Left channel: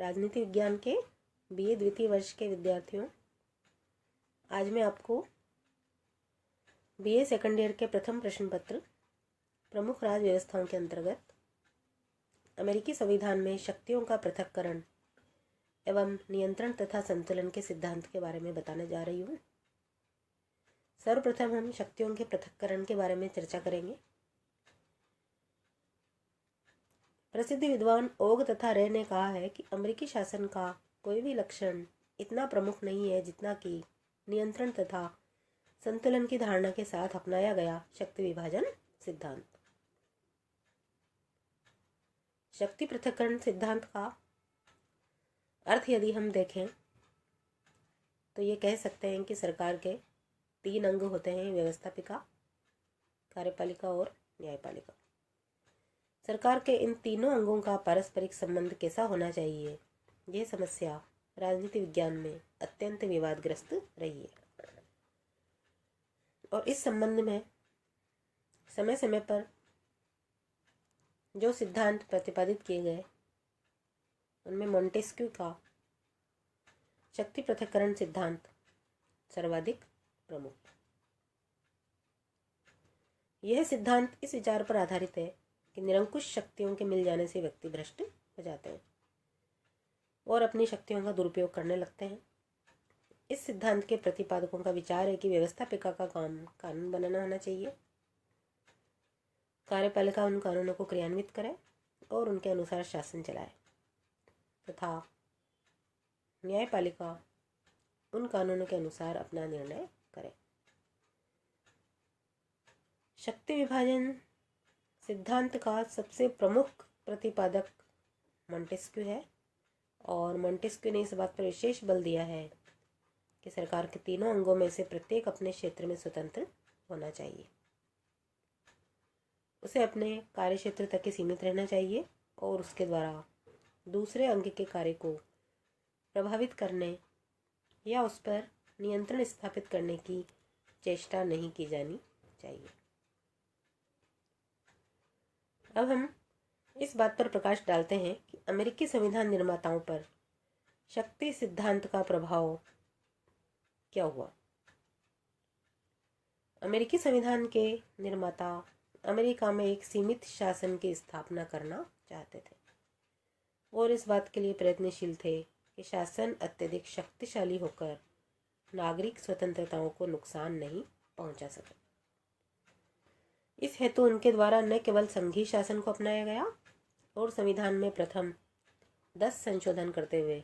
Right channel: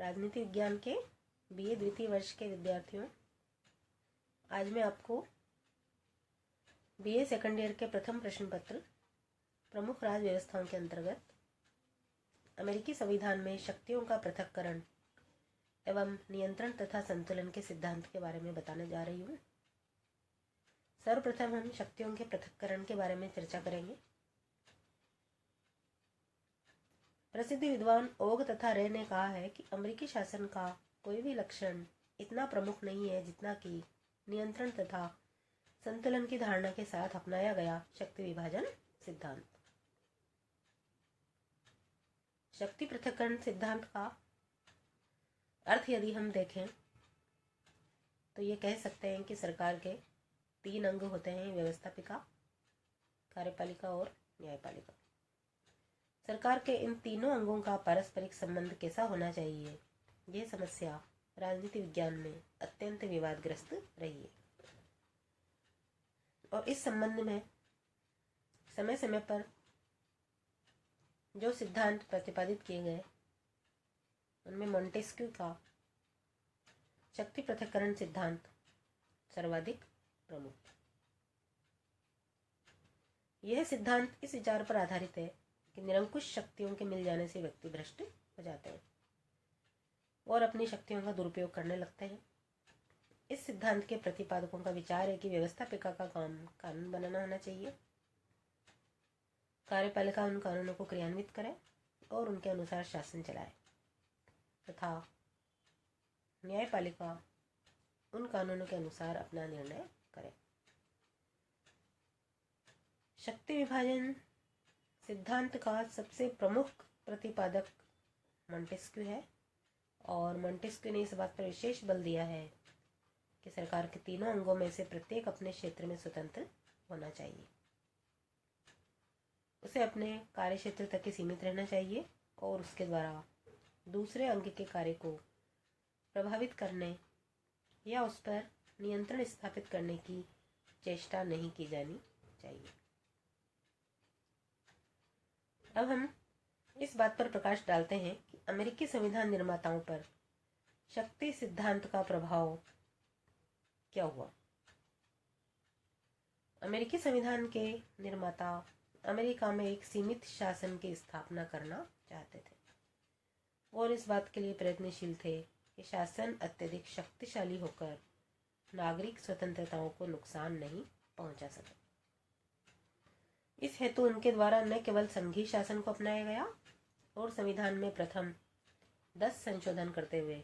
राजनीति विज्ञान के बीए द्वितीय वर्ष के विद्यार्थियों, आज मैं आपको बीए सेकंड ईयर के प्रथम प्रश्न पत्र प्रमुख राज्य व्यवस्थाओं के अंतर्गत अमेरिकी संविधान में शक्तियों का पृथक्करण एवं नियंत्रण तथा संतुलन के सिद्धांत के बारे में बताने जा रही हूँ। सर्वप्रथम हम शक्तियों के पृथक्करण के बारे में चर्चा करेंगे। प्रसिद्ध विद्वान ओग तथा रे ने कहा है कि अमेरिकी शासन का कोई भी लक्षण इतना प्रमुख नहीं है जितना कि नियंत्रण तथा संतुलन की धारणा के साथ अपनाया गया शक्ति विभाजन सिद्धांत। शक्ति पृथक्करण सिद्धांत का अर्थ यदि हम देखें तो ये कह सकते हैं कि सरकार के 3 अंग होते हैं: व्यवस्थापिका, कार्यपालिका और न्यायपालिका। सरकार के इन तीनों अंगों का पारस्परिक संबंध कैसा होना चाहिए, यह समस्या राजनीति विज्ञान में अत्यंत विवादग्रस्त रही है और इस संबंध में समय समय पर जो सिद्धांत प्रतिपादित किए गए उनमें मोंटेस्क्यू का शक्ति पृथक्करण सिद्धांत सर्वाधिक प्रमुख। यह सिद्धांत इस विचार पर आधारित है कि निरंकुश शक्तियों के मिल जाने से व्यक्ति भ्रष्ट हो जाते हैं और अपनी शक्तियों का दुरुपयोग करने लगते हैं। इस सिद्धांत के प्रतिपादकों का विचार है कि व्यवस्थापिका का काम कानून बनाना होना चाहिए, कार्यपालिका उन कानूनों को क्रियान्वित करे और उनके अनुसार शासन चलाए तथा न्यायपालिका उन कानूनों के अनुसार अपना निर्णय करे। शक्ति विभाजन सिद्धांत का सबसे प्रमुख प्रतिपादक मोंटेस्क्यू है और मोंटेस्क्यू ने इस बात पर विशेष बल दिया है कि सरकार के तीनों अंगों में से प्रत्येक अपने क्षेत्र में स्वतंत्र होना चाहिए। उसे अपने कार्य क्षेत्र तक ही सीमित रहना चाहिए और उसके द्वारा दूसरे अंग के कार्य को प्रभावित करने या उस पर नियंत्रण स्थापित करने की चेष्टा नहीं की जानी चाहिए। अब हम इस बात पर प्रकाश डालते हैं कि अमेरिकी संविधान निर्माताओं पर शक्ति सिद्धांत का प्रभाव क्या हुआ। अमेरिकी संविधान के निर्माता अमेरिका में एक सीमित शासन की स्थापना करना चाहते थे और इस बात के लिए प्रयत्नशील थे कि शासन अत्यधिक शक्तिशाली होकर नागरिक स्वतंत्रताओं को नुकसान नहीं पहुंचा सके। इस हेतु उनके द्वारा न केवल संघीय शासन को अपनाया गया और संविधान में प्रथम 10 संशोधन करते हुए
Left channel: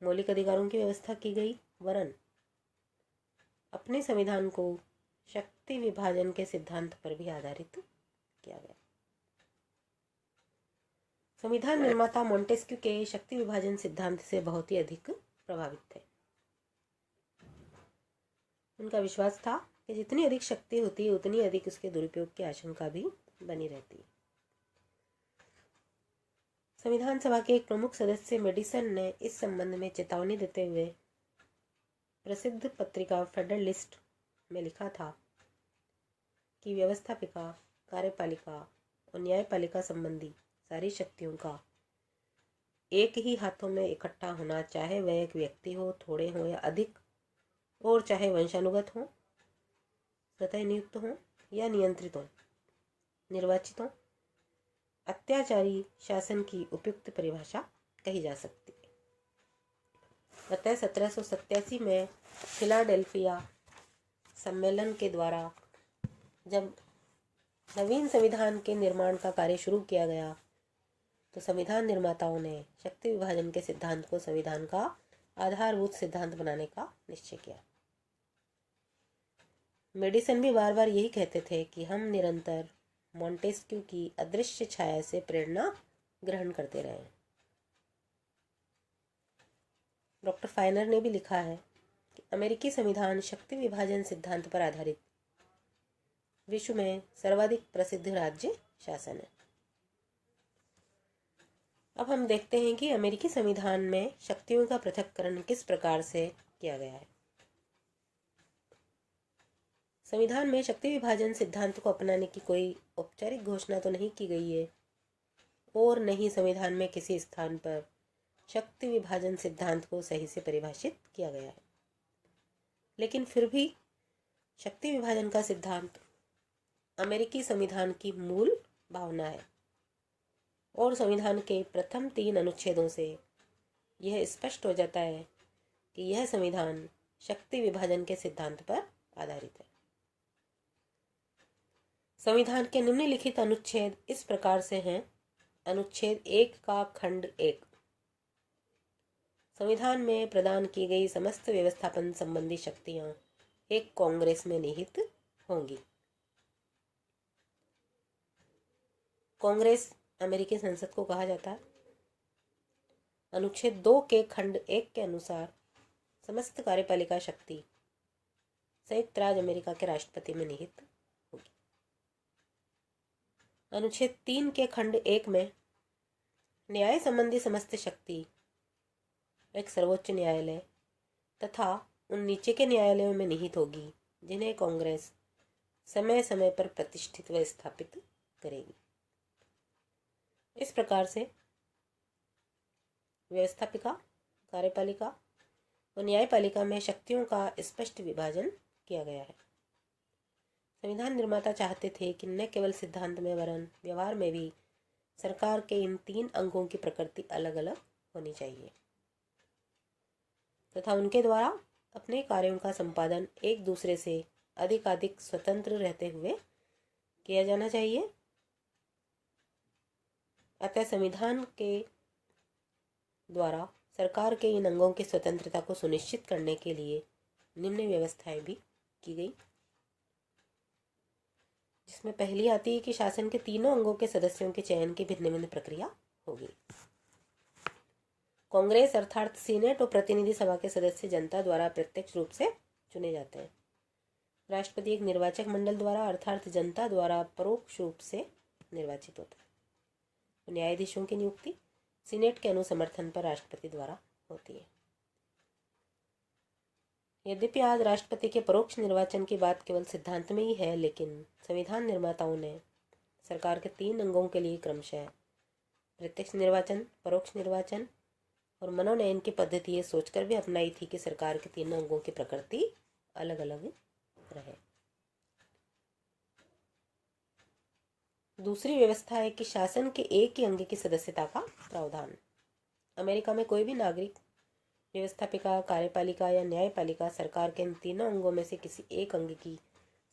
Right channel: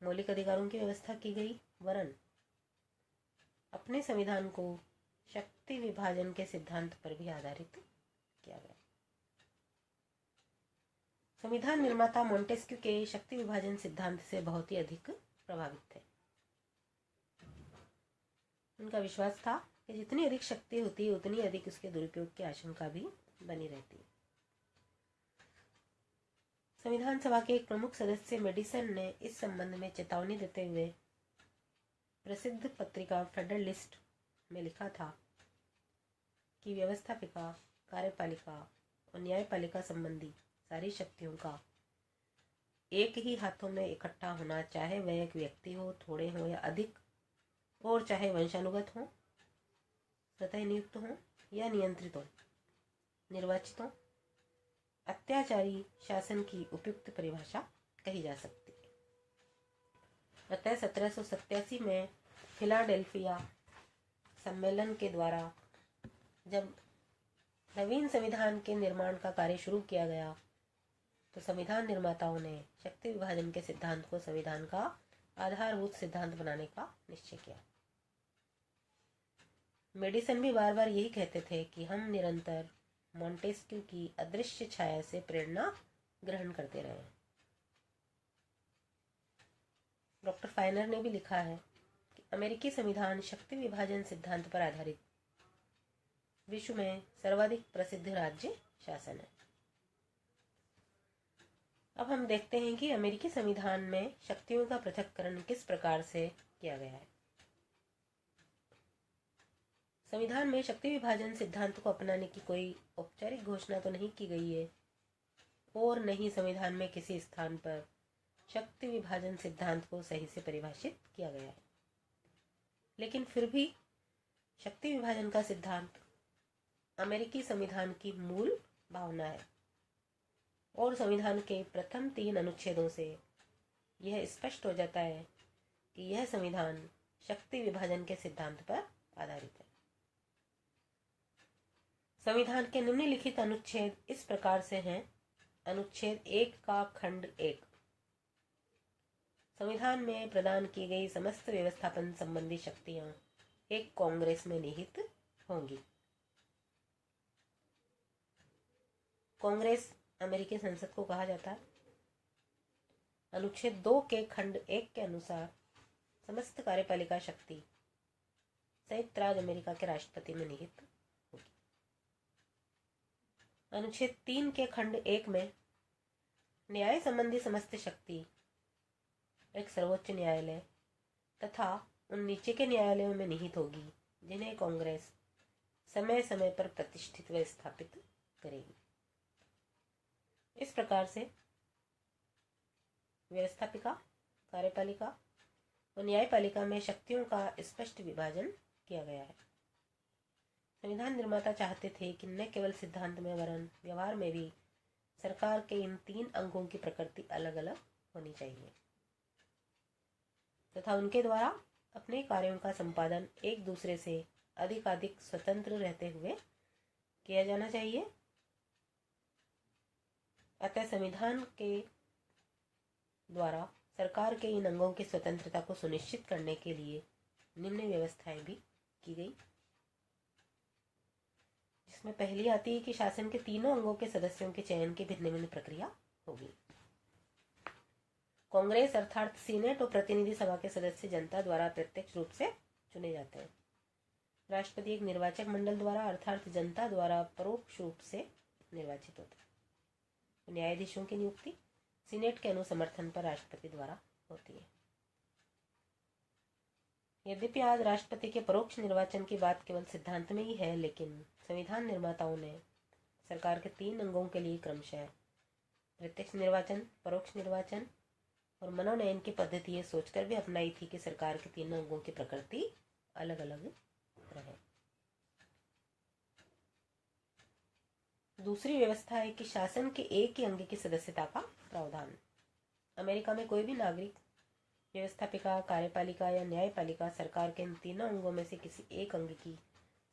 मौलिक अधिकारों की व्यवस्था की गई, वरन अपने संविधान को शक्ति विभाजन के सिद्धांत पर भी आधारित किया गया। संविधान निर्माता मोंटेस्क्यू के शक्ति विभाजन सिद्धांत से बहुत ही अधिक प्रभावित थे। उनका विश्वास था कि जितनी अधिक शक्ति होती है उतनी अधिक उसके दुरुपयोग की आशंका भी बनी रहती है। संविधान सभा के एक प्रमुख सदस्य मेडिसन ने इस संबंध में चेतावनी देते हुए प्रसिद्ध पत्रिका फेडरलिस्ट में लिखा था कि व्यवस्थापिका, कार्यपालिका और न्यायपालिका संबंधी सारी शक्तियों का एक ही हाथों में इकट्ठा होना, चाहे वह एक व्यक्ति हो, थोड़े हो या अधिक, और चाहे वंशानुगत हो, स्वतः नियुक्त हो या नियंत्रित हो, निर्वाचित हो, अत्याचारी शासन की उपयुक्त परिभाषा कही जा सकती है। अतः 1787 में फिलाडेल्फिया सम्मेलन के द्वारा जब नवीन संविधान के निर्माण का कार्य शुरू किया गया तो संविधान निर्माताओं ने शक्ति विभाजन के सिद्धांत को संविधान का आधारभूत सिद्धांत बनाने का निश्चय किया। मेडिसन भी बार बार यही कहते थे कि हम निरंतर मोंटेस्क्यू की अदृश्य छाया से प्रेरणा ग्रहण करते रहे। डॉक्टर फाइनर ने भी लिखा है कि अमेरिकी संविधान शक्ति विभाजन सिद्धांत पर आधारित विश्व में सर्वाधिक प्रसिद्ध राज्य शासन है। अब हम देखते हैं कि अमेरिकी संविधान में शक्तियों का पृथक्करण किस प्रकार से किया गया है। संविधान में शक्ति विभाजन सिद्धांत को अपनाने की कोई औपचारिक घोषणा तो नहीं की गई है और न ही संविधान में किसी स्थान पर शक्ति विभाजन सिद्धांत को सही से परिभाषित किया गया है। लेकिन फिर भी शक्ति विभाजन का सिद्धांत अमेरिकी संविधान की मूल भावना है और संविधान के प्रथम 3 अनुच्छेदों से यह स्पष्ट हो जाता है कि यह संविधान शक्ति विभाजन के सिद्धांत पर आधारित है। संविधान के निम्नलिखित अनुच्छेद इस प्रकार से हैं। अनुच्छेद 1 का खंड 1, संविधान में प्रदान की गई समस्त व्यवस्थापन संबंधी शक्तियां एक कांग्रेस में निहित होंगी। कांग्रेस अमेरिकी संसद को कहा जाता है। अनुच्छेद 2 के खंड 1 के अनुसार समस्त कार्यपालिका शक्ति संयुक्त राज्य अमेरिका के राष्ट्रपति में निहित होगी। अनुच्छेद 3 के खंड 1 में न्याय संबंधी समस्त शक्ति एक सर्वोच्च न्यायालय तथा उन नीचे के न्यायालयों में निहित होगी जिन्हें कांग्रेस समय समय पर प्रतिष्ठित व स्थापित करेगी। इस प्रकार से व्यवस्थापिका, कार्यपालिका और न्यायपालिका में शक्तियों का स्पष्ट विभाजन किया गया है। संविधान निर्माता चाहते थे कि न केवल सिद्धांत में वरन व्यवहार में भी सरकार के इन 3 अंगों की प्रकृति अलग अलग होनी चाहिए तथा उनके द्वारा अपने कार्यों का संपादन एक दूसरे से अधिक स्वतंत्र रहते हुए किया जाना चाहिए। अतः संविधान के द्वारा सरकार के इन अंगों की स्वतंत्रता को सुनिश्चित करने के लिए निम्न व्यवस्थाएं भी की गई, जिसमें पहली आती है कि शासन के तीनों अंगों के सदस्यों के चयन की भिन्न भिन्न प्रक्रिया होगी। कांग्रेस अर्थात सीनेट और प्रतिनिधि सभा के सदस्य जनता द्वारा प्रत्यक्ष रूप से चुने जाते हैं। राष्ट्रपति एक निर्वाचक मंडल द्वारा अर्थात जनता द्वारा परोक्ष रूप से निर्वाचित होता है। न्यायाधीशों की नियुक्ति सीनेट के अनुसमर्थन पर राष्ट्रपति द्वारा होती है। यद्यपि आज राष्ट्रपति के परोक्ष निर्वाचन की बात केवल सिद्धांत में ही है, लेकिन संविधान निर्माताओं ने सरकार के 3 अंगों के लिए क्रमशः प्रत्यक्ष निर्वाचन, परोक्ष निर्वाचन और मनोनयन की पद्धति ये सोचकर भी अपनाई थी कि सरकार के 3 अंगों की प्रकृति अलग अलग रहे। दूसरी व्यवस्था है कि शासन के एक ही अंग की सदस्यता का प्रावधान। अमेरिका में कोई भी नागरिक व्यवस्थापिका, कार्यपालिका या न्यायपालिका सरकार के इन 3 अंगों में से किसी एक अंग की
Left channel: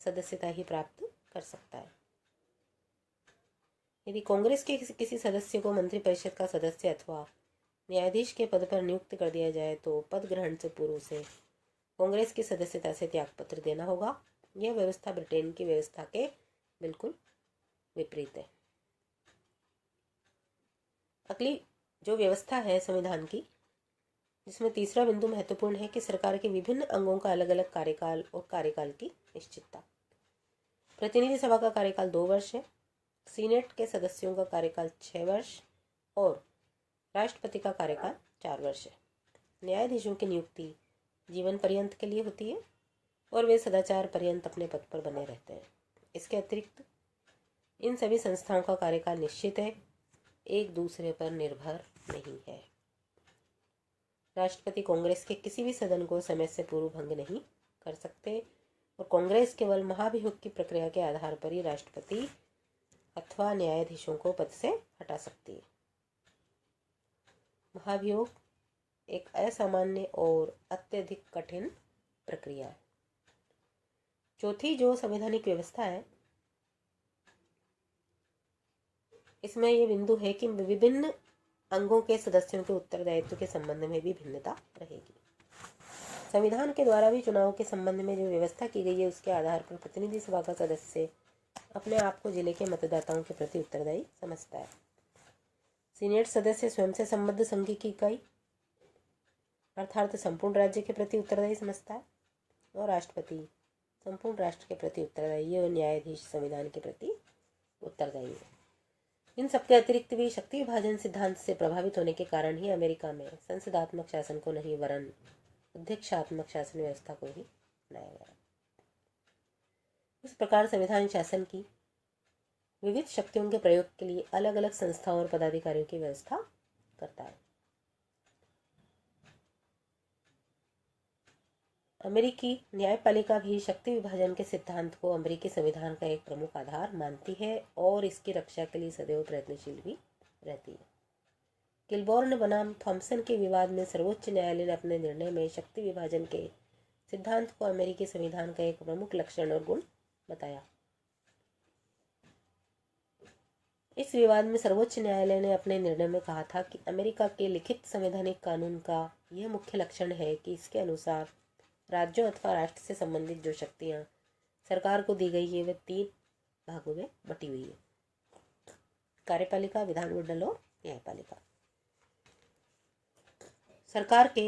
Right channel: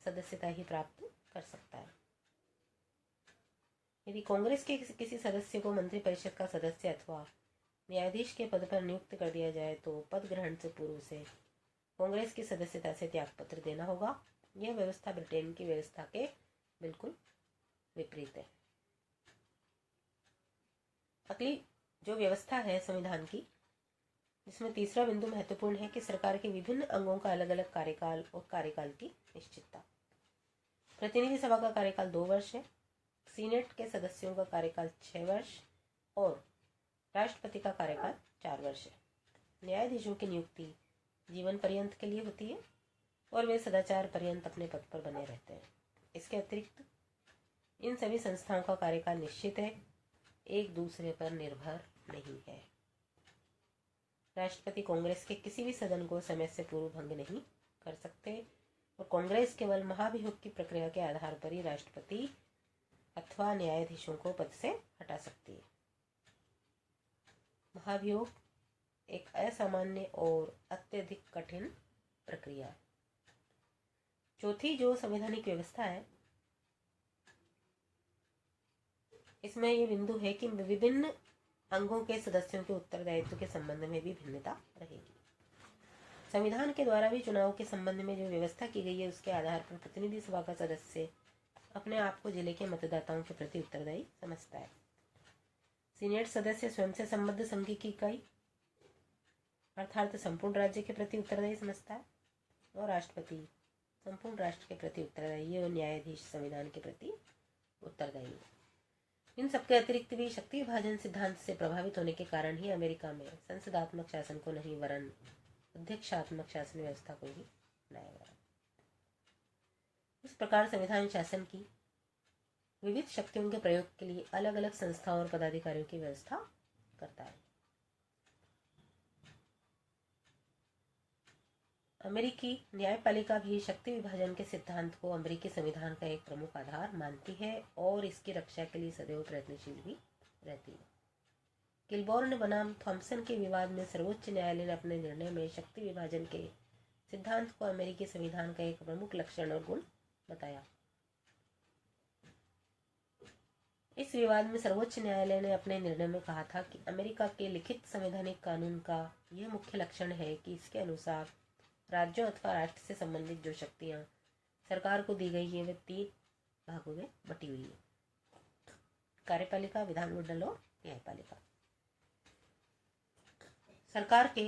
सदस्यता ही प्राप्त कर सकता है। यदि कांग्रेस के किसी सदस्य को मंत्रिपरिषद का सदस्य अथवा न्यायाधीश के पद पर नियुक्त कर दिया जाए तो पद ग्रहण से पूर्व से कांग्रेस की सदस्यता से त्यागपत्र देना होगा। यह व्यवस्था ब्रिटेन की व्यवस्था के बिल्कुल विपरीत है। अगली जो व्यवस्था है संविधान की, जिसमें तीसरा बिंदु महत्वपूर्ण है कि सरकार के विभिन्न अंगों का अलग अलग कार्यकाल और कार्यकाल की निश्चितता। प्रतिनिधि सभा का कार्यकाल 2 वर्ष है, सीनेट के सदस्यों का कार्यकाल 6 वर्ष और राष्ट्रपति का कार्यकाल 4 वर्ष है। न्यायाधीशों की नियुक्ति जीवन पर्यंत के लिए होती है और वे सदाचार पर्यंत अपने पद पर बने रहते हैं। इसके अतिरिक्त इन सभी संस्थाओं का कार्यकाल निश्चित है, एक दूसरे पर निर्भर नहीं है। राष्ट्रपति कांग्रेस के किसी भी सदन को समय से पूर्व भंग नहीं कर सकते और कांग्रेस केवल महाभियोग की प्रक्रिया के आधार पर ही राष्ट्रपति अथवा न्यायाधीशों को पद से हटा सकती है। महाभियोग एक असामान्य और अत्यधिक कठिन प्रक्रिया है। चौथी जो संवैधानिक व्यवस्था है, इसमें यह बिंदु है कि विभिन्न अंगों के सदस्यों के उत्तरदायित्व के संबंध में भी भिन्नता रहेगी। संविधान के द्वारा भी चुनाव के संबंध में जो व्यवस्था की गई है उसके आधार पर प्रतिनिधि सभा का सदस्य अपने आप को जिले के मतदाताओं के प्रति उत्तरदायी समझता है। सीनेट सदस्य स्वयं से संबद्ध संघ की इकाई अर्थात संपूर्ण राज्य के प्रति उत्तरदायी समझता है और राष्ट्रपति संपूर्ण राष्ट्र के प्रति उत्तरदायी है और न्यायाधीश संविधान के प्रति उत्तरदायी है। इन सबके अतिरिक्त भी शक्ति विभाजन सिद्धांत से प्रभावित होने के कारण ही अमेरिका में संसदात्मक शासन को नहीं वरन अध्यक्षात्मक शासन व्यवस्था को ही अपनाया गया। इस प्रकार संविधान शासन की विविध शक्तियों के प्रयोग के लिए अलग अलग संस्थाओं और पदाधिकारियों की व्यवस्था करता है। अमेरिकी न्यायपालिका भी शक्ति विभाजन के सिद्धांत को अमेरिकी संविधान का एक प्रमुख आधार मानती है और इसकी रक्षा के लिए सदैव प्रयत्नशील भी रहती है। किलबॉर्न बनाम थॉम्सन के विवाद में सर्वोच्च न्यायालय ने अपने निर्णय में शक्ति विभाजन के सिद्धांत को अमेरिकी संविधान का एक प्रमुख लक्षण और गुण बताया। इस विवाद में सर्वोच्च न्यायालय ने अपने निर्णय में कहा था कि अमेरिका के लिखित संवैधानिक कानून का यह मुख्य लक्षण है कि इसके अनुसार राज्यों अथवा राष्ट्र से संबंधित जो शक्तियां सरकार को दी गई है वे 3 भागों में बटी हुई है: कार्यपालिका, विधानमंडल और न्यायपालिका। सरकार के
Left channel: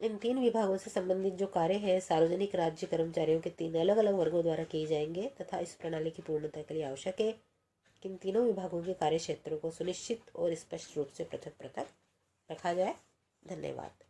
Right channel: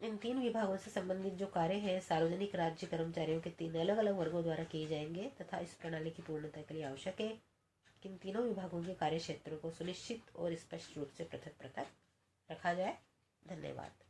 इन 3 विभागों से संबंधित जो कार्य है सार्वजनिक राज्य कर्मचारियों के 3 अलग अलग वर्गों द्वारा किए जाएंगे तथा इस प्रणाली की पूर्णता के लिए आवश्यक है कि इन तीनों विभागों के कार्य क्षेत्रों को सुनिश्चित और स्पष्ट रूप से पृथक पृथक रखा जाए। धन्यवाद।